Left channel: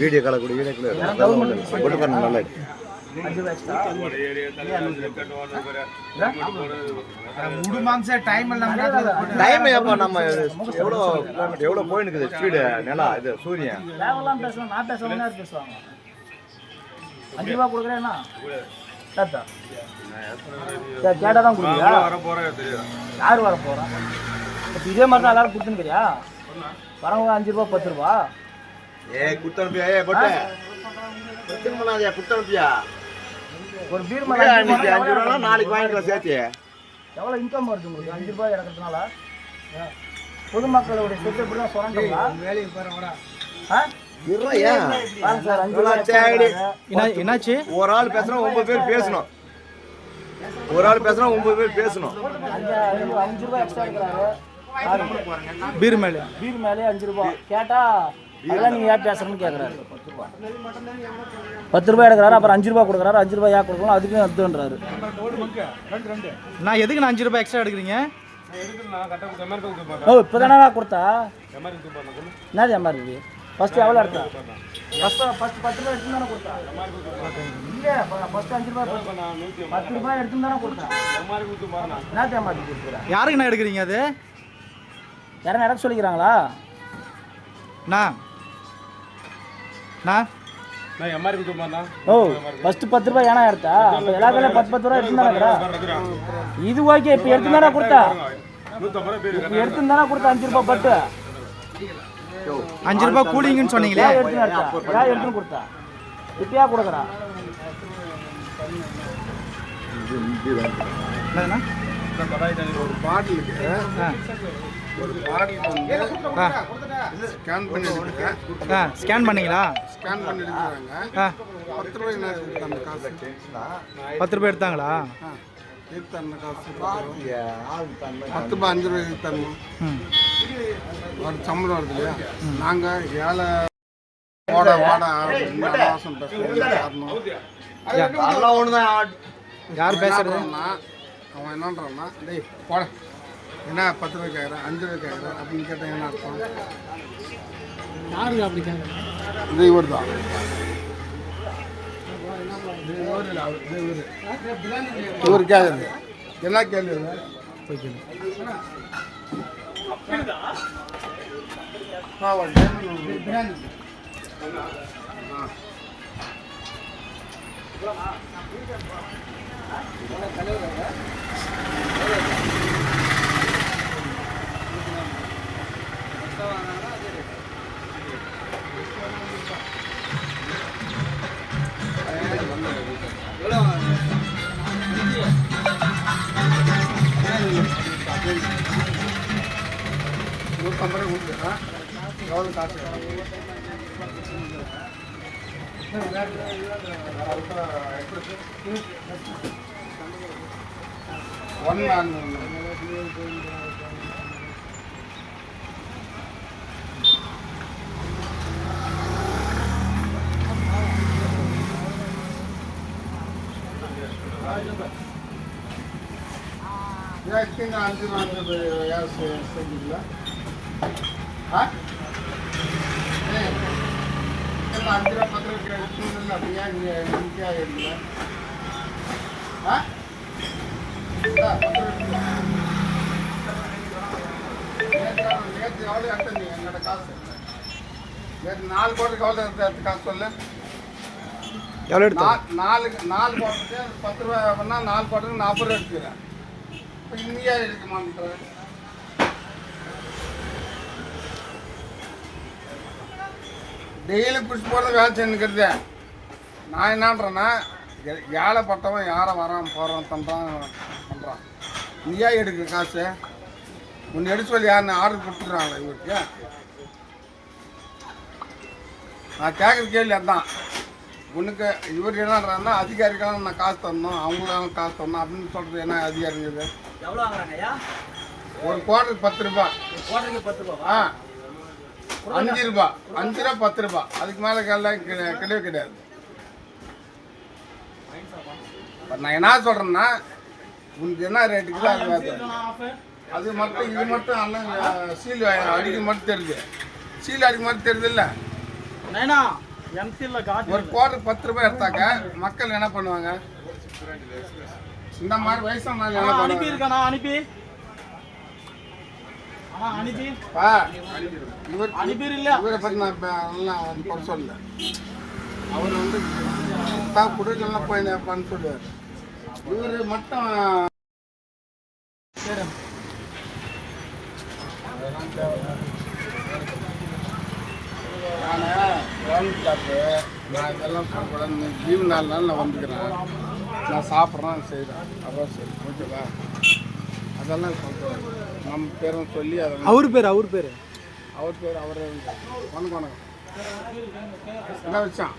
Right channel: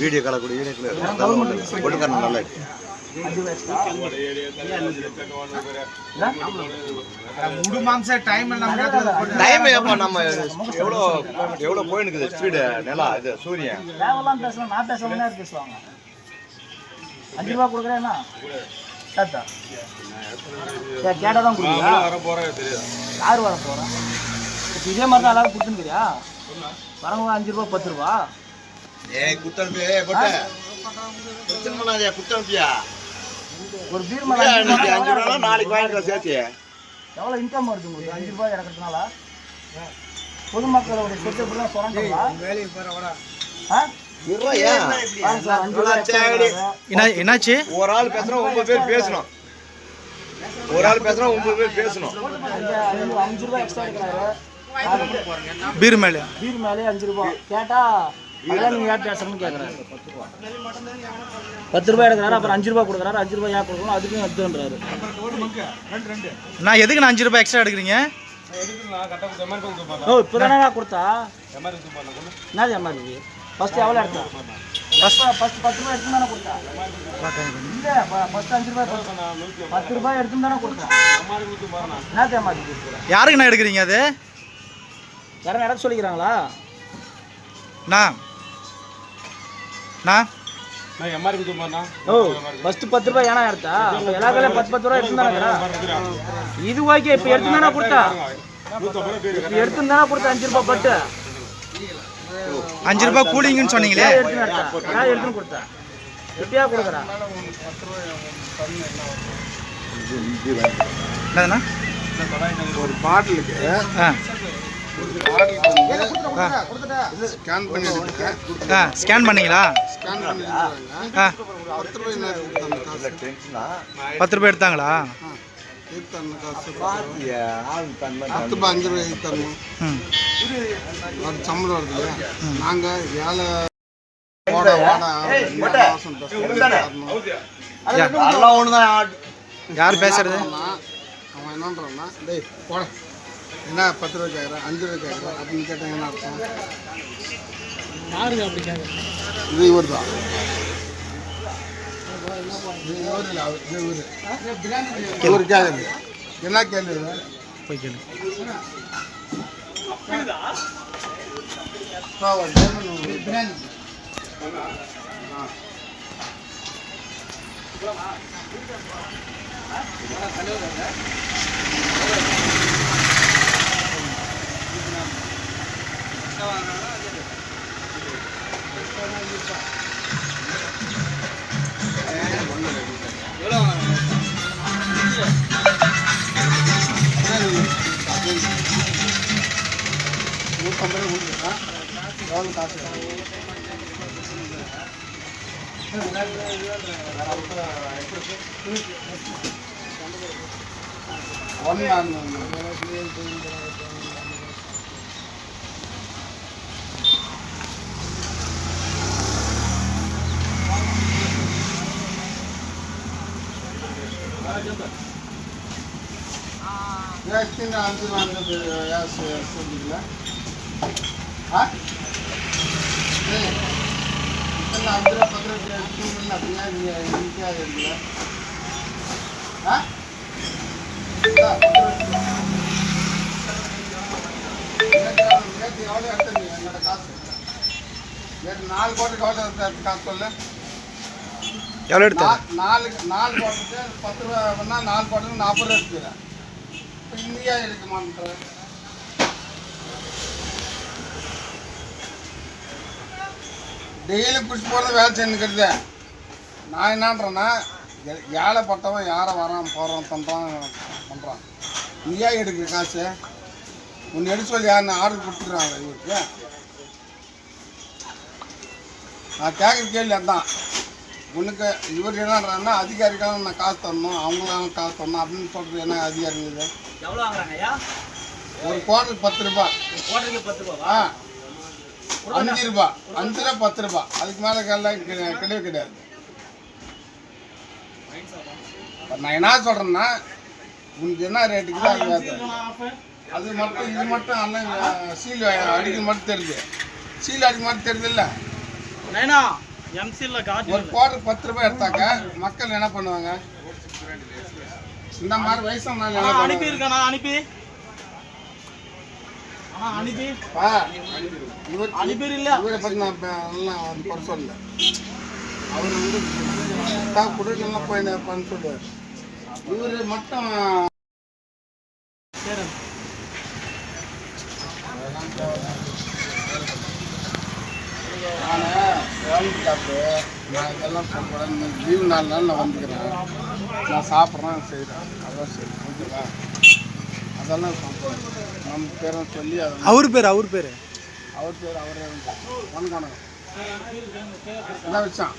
Video கால கூட video நல்லா எவ்வளவு போயிருக்கு ஸ்பீடு நிலா இது சூரியன் பேசலாம் நான் பேசுவாங்க பேசுவாங்க 5 ரூபா கொடுக்குறேன்னா கேட்டா கேட்டாதான் யார் வர போறோம் இதே மாதிரி தான் எல்லாரும் கொடுத்துருக்கிறியா வரவங்க 5 ரூபா 10 ரூபா குத்தனுப்பியா ஒரு பீர் நாளைக்கு வாங்கிக்கலாம் சேர்த்து எவ்வளோ இன்கம் வருது உங்களுக்கு 5 ரூபாய் இறக்கிறதுனால பொதுமக்களோட சொத்து எப்படிலாம் சொல்றாங்களா என்னாச்சு ஒரு ஆள் பேசுறோம் 9 பேர் பேசணும் ஒரு ஆள் பேசுறோம் 9 பேர் பேசணும் 5 ரூபாய் எக்ஸ்ட்ரா எடுக்கிறாரு பீர் மேலே 5 ரூபாய் கேட்டா அதெல்லாம் நீங்க ஏன் பேசணும்னு கேட்கறாரு 10 ரூபாய் எடுக்கிறாரு அப்புறம் 5 ரூபாய் கொடுக்குறாரு 5 ரூபாய் ஏன் கொடுக்கணும் அதுக்கும் எடுத்துன்றாரு நான் எதுக்கு நான் 5 ரூபாய் எக்ஸ்ட்ரா எடுக்கிறீங்க ஓ இப்போதானே நான் கொடுத்தா என்னது எம்ஆர்பி ஃபர்ஸ்ட் எவ்வளோ எடுத்தோம் ஃபர்ஸ்ட் 10 ரூபாய் எடுத்து தானே கொடுத்தா இல்லை ஃபர்ஸ்ட் 5 ரூபாய் 10 ரூபாய் எடுத்து தானே கொடுத்தா என்னது எம்ஆர்பி யாருக்கு நான் எடுக்கிறீங்க அது யாரும் எடுக்க சொல்லிக்கிறாங்களா ஓ ஃபர்ஸ்ட் 10 ரூபாய் ஏன்னா எடுத்தா எல்லா கடையிலும் 10 ரூபாய் எடுத்து தானே இது ஓகே இப்போ எடுத்து தானே கொடுத்தா எடுத்து தானே கொடுத்தா 5 ரூபாய் பட்டு 5 ரூபாய் கூலிங்கன்னு சொன்னீங்களே எடுத்து கொடுத்தா இப்படியா கொடுக்குறான் என்னதுண்ணா ஒரு பாட்டிலுக்கு ஸ்கேன் பண்ணி ஸ்கேன் பண்ணீங்களா ஸ்கேன் பண்ணி 10 ரூபாய் 10 ரூபாய் எடுத்தாங்களா காசு 10 ரூபாய் 5 ரூபாய் தரணும் ஒரு சம்பளம் வருது இல்லையா நாங்கள் ஏழை யார் பேசுறது அவன் என்னன்றான்னா டேய் போட என்ன 10 ரூபாய்க்கு ஆயிரம் 5 ரூபாய்க்கு ஆயிரம் அப்படின்னு கேட்டாங்க என்ன அர்த்தம் இது இவர் தான் இவர் கேள்வி என்ன கேள்வி போய் கேளு எவ்வளோ காசு சொல்லிங்களா இதெல்லாம் 5 ரூபா 10 ரூபா எடுத்துன்னு அப்படியா நீங்கள் இருக்குல்ல நேற்று எவ்வளோ எடுத்த நீ என்னோட காசு நேற்று 4 கோட்டுக்கு எவ்வளோ காசு சொல்லு எவ்வளோ எடுத்தா 4 கோட்டுக்கு 10 ரூபா பண்ணால் 4 கோட்டுக்கு 40 ரூபா எடுத்துக்கிறேன் இப்போ இந்தியா எடுக்க மாட்டேன் டெய்லி குடிச்சு போகிறது வேலை செஞ்சுக்கிறது நான் என்னன்றேன்னா ஏழைப்பட்டவன் யாரை வரான் போகிறான் பண்ணுறான் நீயா எடுக்கிற காசு ஒன்று எடுத்து சொல்லி யாருன்னு ஆர்டர் கொடுத்துக்கிறாங்களே இவருக்கு நான் கேட்குற கேள்வி அதான் உனக்கு இவர் என்னன்றாருன்னா அதிகாரிக்கெல்லாம் நான் காசு தரணும் அவங்களாம் காசு தரணும் அப்படின்னு சொல்கிறது என்ன அதிகாரிங்க ஒரு குவார்டர் 10 ரூபா ஆ 5 ரூபா 5 ரூபா 10 ரூபா அதுக்கு மேலே கிடையவே கிடையாது. இப்போ நான் என்ன சொல்கிறேன்னா உனக்கு என்ன ரேட்டுக்கு தான் அது வேறு. அது மட்டும் இது மட்டும் எல்லாம் சீல் அடிக்க மட்டும் தெரியுது. சீல் அடிக்க மட்டும் தெரியுது இல்லை. ஒரு குவார்டருக்கு 10 ரூபாய் எடுத்தாக்க மக்கள் என்ன பண்ணுவாங்க? இந்த மாதிரி வயசான நாள் என்ன பண்ணுவாங்க? இவரை பற்றி நான் எல்லாம் பண்ண சொல்லல. அவர் வந்து தான் குடிக்கலாம் போய் பண்ண சொல்லுவார். இவர் மட்டும் நான் கவர்மெண்ட் ஜாப்பு, நான் இதெல்லாம் சொல்லக்கூடாது. லீவு 4 நாள் நான் வந்துக்கிறேன், நான் சாப்பிட்றேன் செய்கிறேன், அதான் சரி ஓகேவா? அதெல்லாம் சொல்லக்கூடாது. நம்ம பேரும் சொல்லி அதெல்லாம் அவர் பேர் அவரே வணக்கம் எல்லாம் வச்சான்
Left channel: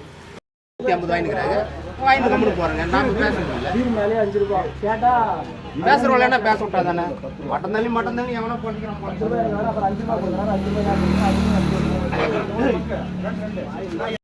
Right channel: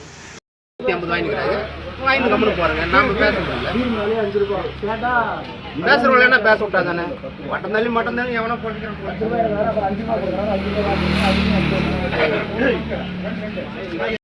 50 வாங்கிட்டு கம்முன்னு போறேங்க. நாம பேச முடியல. 5 ரூபாய் கேட்டா பேசுறவங்க பேச விட்டா தானே. மட்டம் தானே எவனோ போட்டுக்கிறோம்.